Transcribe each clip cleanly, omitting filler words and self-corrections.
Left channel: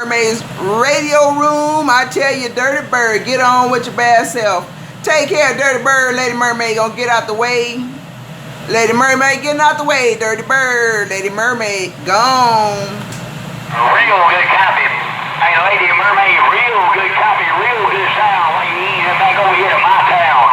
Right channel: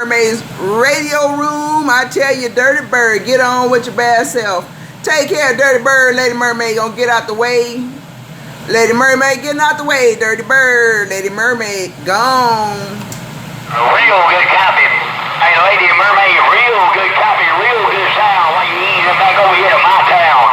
Mermaid's radio room. I tell you, Dirty Bird, get on with your bad self. Take care, Dirty Bird. Lady Mermaid gonna get out the way. Lady Mermaid getting out the way. Dirty Bird. Lady Mermaid gone. Real good copy. Hey, Lady Mermaid, real good copy, real good sound when you ease it back over here to my town.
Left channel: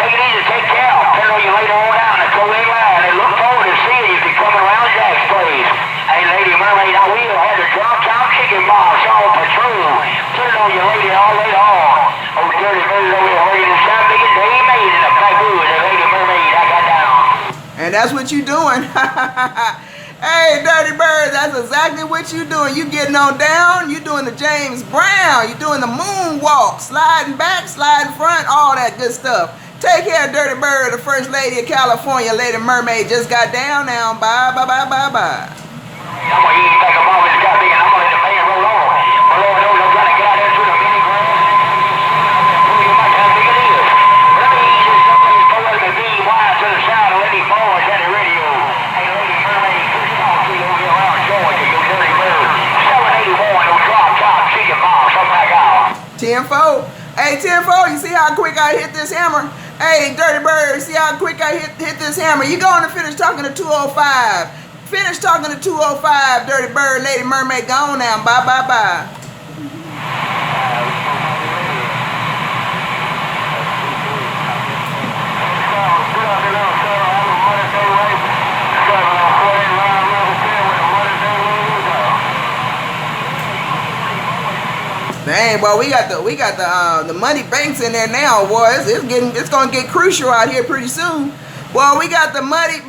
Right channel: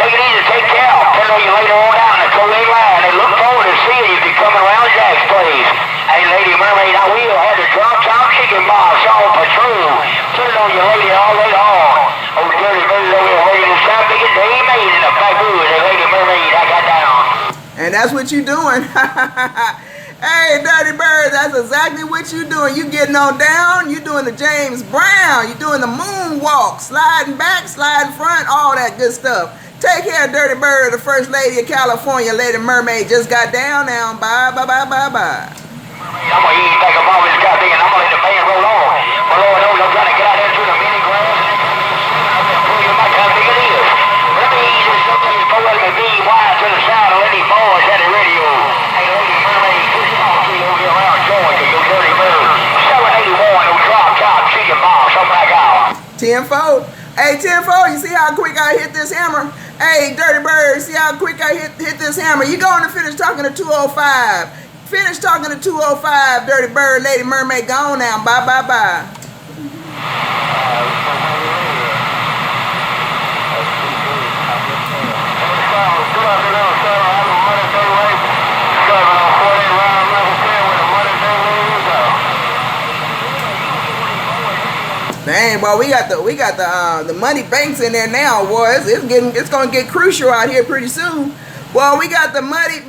Take it easy, take care. Turn on you later on down and throw that line and look forward to seeing you if you're coming around Jack's place. Hey, Lady Mermaid, I will have the drop top chicken box on patrol. Turn on you later all later on. Oh, Dirty Bird over here working the sound biggest they ain't made in the bamboo. And Lady Mermaid, I got down. And that's what you doing. Hey, Dirty Bird, that's exactly what you doing. You getting on down. You doing the James Brown. You doing the moonwalk. Sliding back, sliding front, all that good stuff. Take care, Dirty Bird. The First Lady of California, Lady Mermaid, just got down now. Bye, bye, bye, bye, bye. I'm going to eat back up all this goddamn. I'm going to let the band roll on. My Lord knows I'm trying to get out there through the mini grass. I'm going to pull you back how big it is. Let me ease this up and go let me be wide to the sound of Lady Boys at the radio. Hey, Lady Mermaid, push it off. See over here around Georgia, you Dirty Bird. 781, no drop top chicken box. I'm back out. 10-4. Hey, 10-4, you see how quick I hit this hammer? Hey, Dirty Bird, see how quick I hit this hammer? You going to finish talking to 205. Finish talking to 205, Dirty Bird. Lady Mermaid gone now. Bye, bye, bye. Dang, boy, we got the money banks in there now, boy. It's gonna get crucial out here pretty soon. Well, we got the muddy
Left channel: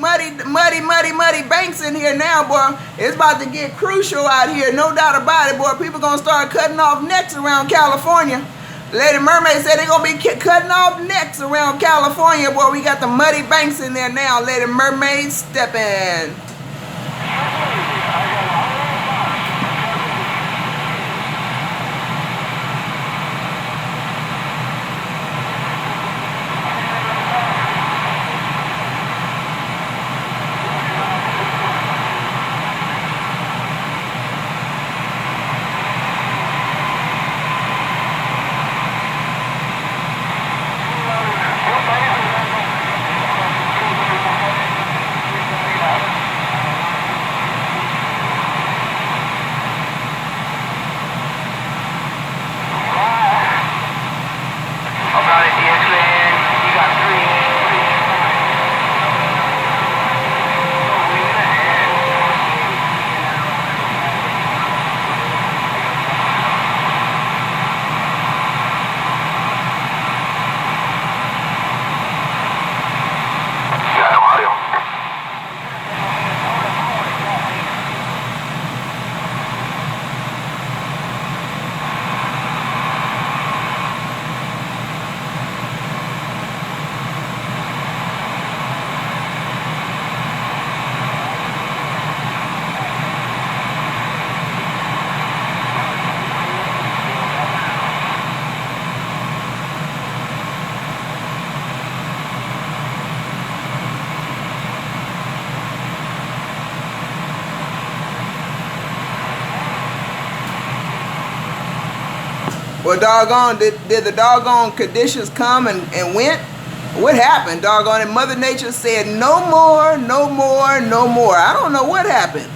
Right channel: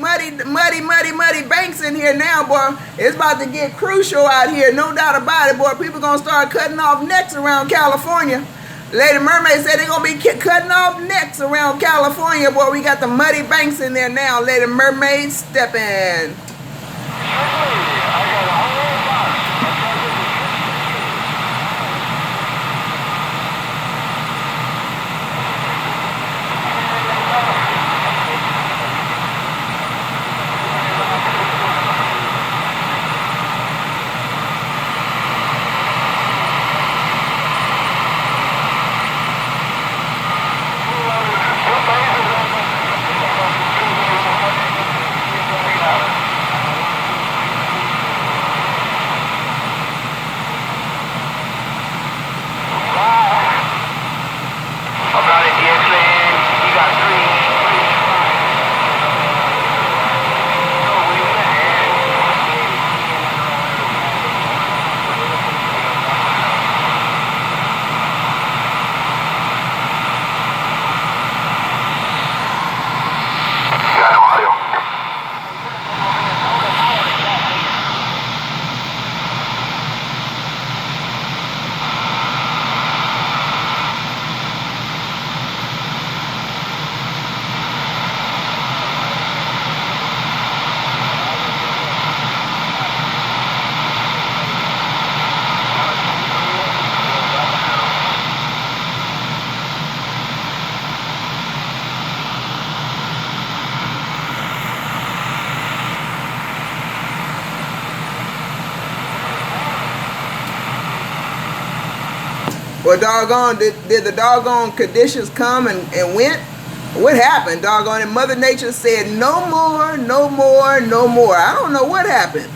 banks in here now, boy. It's about to get crucial out here, no doubt about it, boy. People gonna start cutting off necks around California. Lady Mermaid said they're gonna be cutting off necks around California, boy. We got the muddy banks in there now. Lady Mermaid stepping. Well, doggone, did the doggone conditions come and went? What happened, doggone it? Mother Nature said no more, no more, no more. I don't know what happened.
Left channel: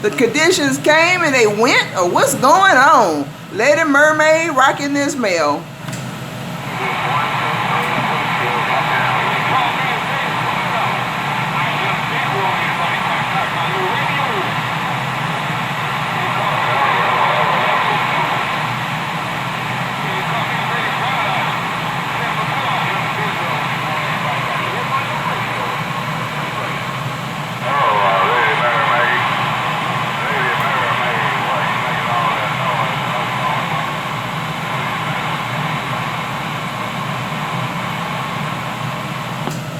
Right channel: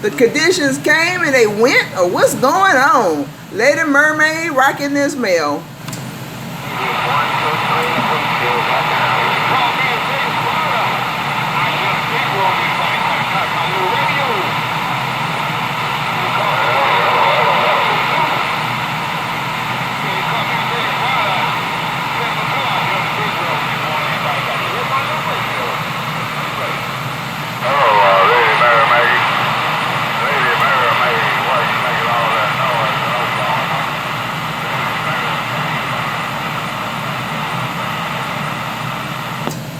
The conditions came and they went, or what's going on? Lady Mermaid rocking this mail.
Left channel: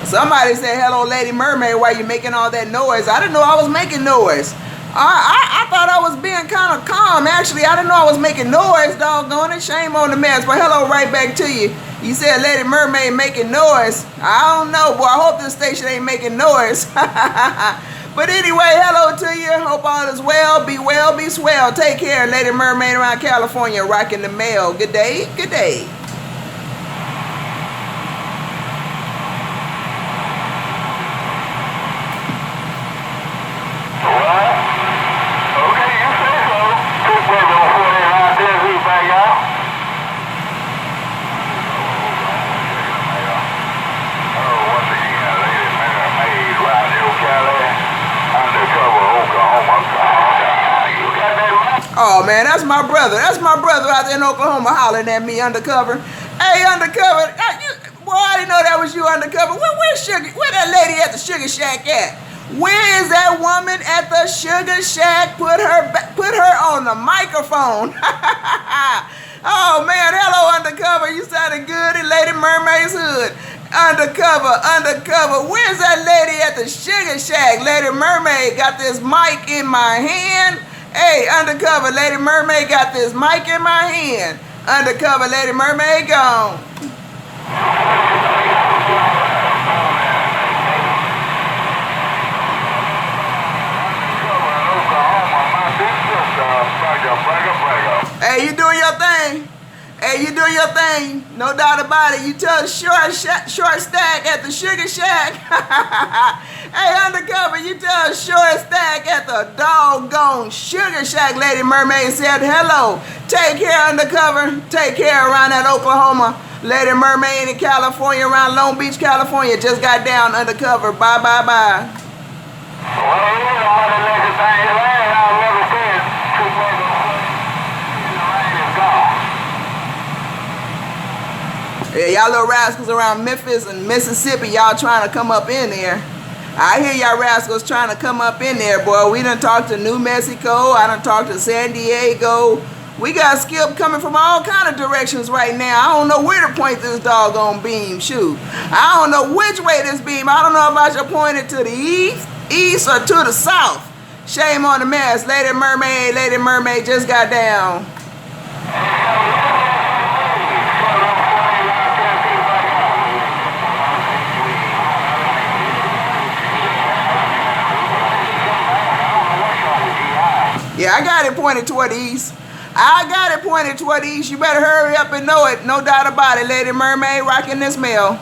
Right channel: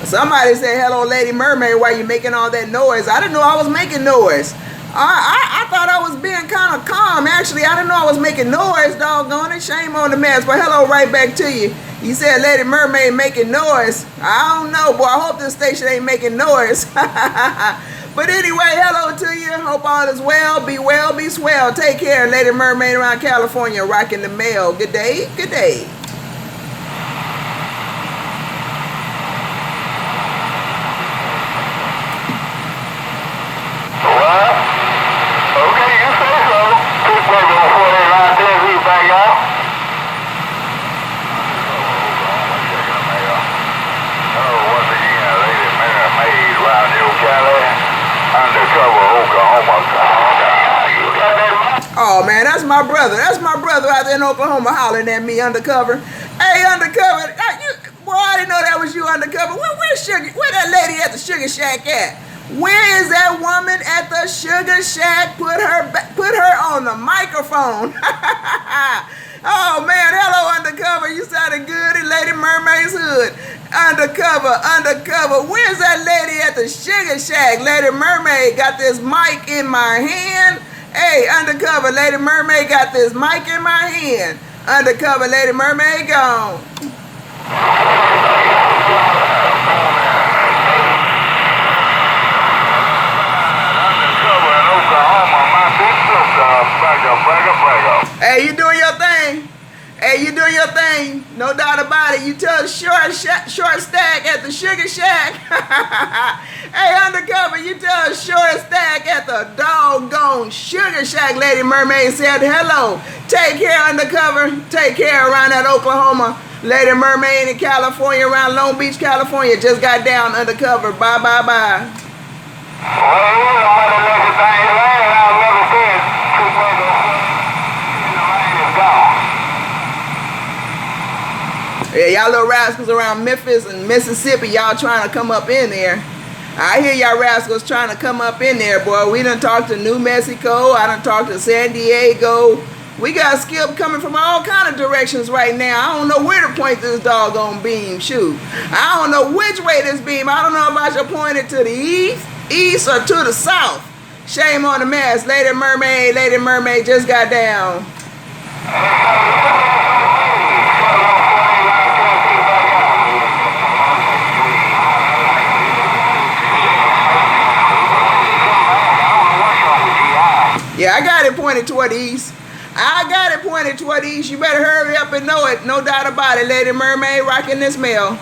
Somebody said, hello, Lady Mermaid, why you making all that noise? I didn't know I was making noise. I thought I was being kind of calm. Actually, I didn't know I was making noise, doggone it. Shame on the mess. But hello right back to you. You said Lady Mermaid making noise. I don't know, boy. I hope this station ain't making noise. But anyway, hello to you. Hope all is well. Be well, be swell. Take care. Lady Mermaid around California, rocking the mail. Good day, good day. Oh man, that's my brother. That's my brother out there in Oklahoma hollering at me undercover. Hey, undercover. Boy, I didn't know that was you undercover. Where that lady at the Sugar Shack at? Where is that woman at the Sugar Shack? Put her on the microphone. Oh man, hello undercover. You sounded good in Lady Mermaid's hood. Undercover. Where's that lady at the Sugar Shack? Lady Mermaid got this mic in my hand. Hey, undercover, Lady Mermaid got this mic in my hand. Undercover, Lady Mermaid gone. Hey, you doing your thing? Hey, you doing your thing? No doubt about it. You tell the short stack at the Sugar Shack. Hey, undercover, you tell the short stack at the doggone Sugar Shack. Lady Mermaid said hello. Take care, undercover. Take care around that Oklahoma. Lady Mermaid in California, around Long Beach, California. Just got down undercover. Bye. Yeah, y'all little rascals around Memphis and Mississippi, y'all trying to come up in there. I hear y'all rascals trying to come up in there, boy. We done talked to New Mexico. I done talked to San Diego. We got Skip coming from all kind of directions right now. I don't know where to point this doggone beam. Shoot. I don't know which way this beam. I don't know if I should point it to the east or to the south. Shame on the mess. Lady Mermaid just got down. Yeah, I got it pointed toward the east. You better hurry up and know it. No doubt about it. Lady Mermaid rocking this mail.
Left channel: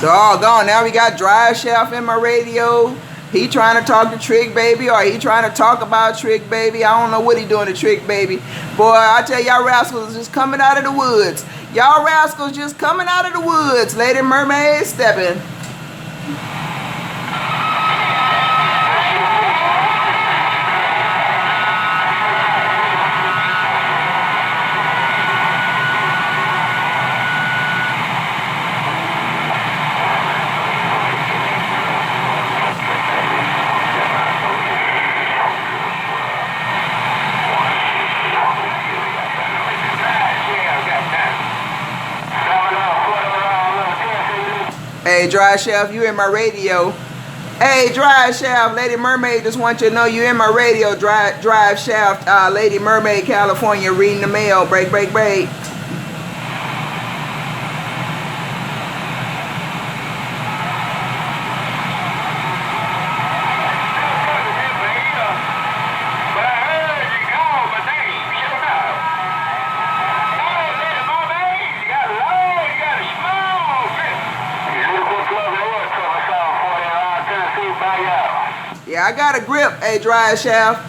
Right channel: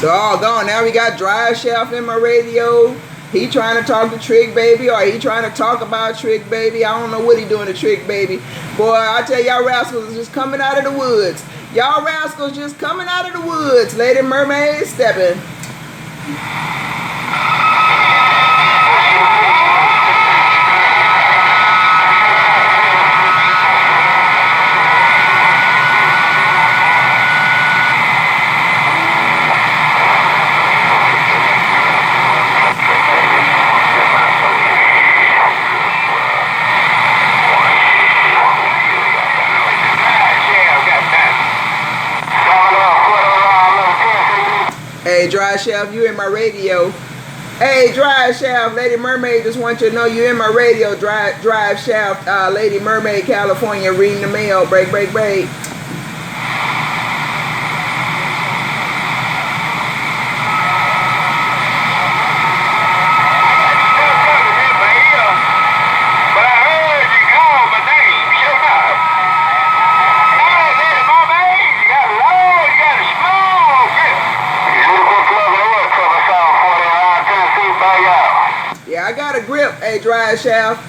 Doggone, now we got Drive Shaft in my radio. He trying to talk to Trick Baby, or he trying to talk about Trick Baby. I don't know what he doing to Trick Baby. Boy, I tell y'all rascals just coming out of the woods. Y'all rascals just coming out of the woods. Lady Mermaid stepping. Hey, Drive Shaft, you in my radio. Hey, Drive Shaft, Lady Mermaid just want you to know you in my radio. Drive Shaft, Lady Mermaid, California, reading the mail. Break. Yeah, I got a grip. Hey, Drive Shaft.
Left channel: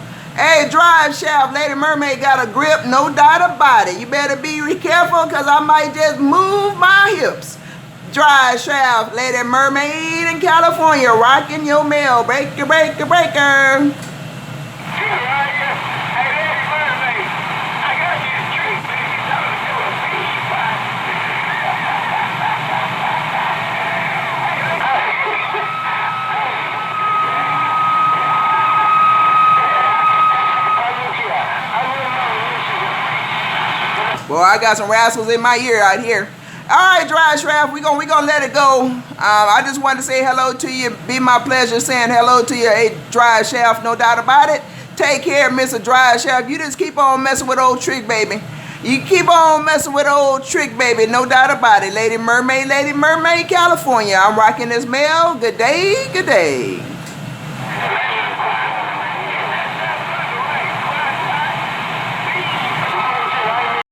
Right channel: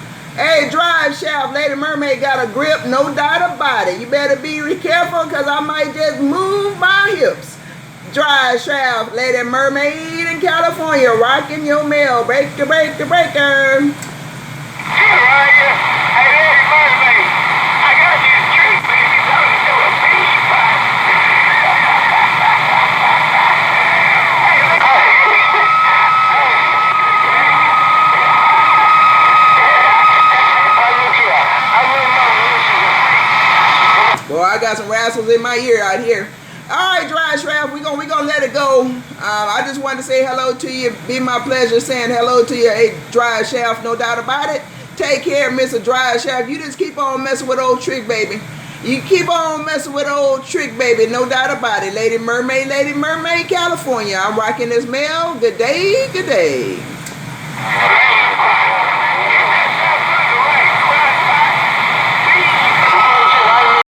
Lady Mermaid got a grip, no doubt about it. You better be careful, because I might just move my hips. Drive Shaft, Lady Mermaid in Mermaid, California, rocking your mail. Breaker, breaker, breaker. Boy, I got some rascals in my ear out here. All right, Dry Shaft, we gonna let it go. I just wanted to say hello to you. Be my pleasure saying hello to you, hey, Dry Shaft, no doubt about it. Take care, Mr. Dry Shaft. You just keep on messing with old Trick Baby. You keep on messing with old Trick Baby, no doubt about it. Lady Mermaid, California. I'm rocking this mail. Good day, good day.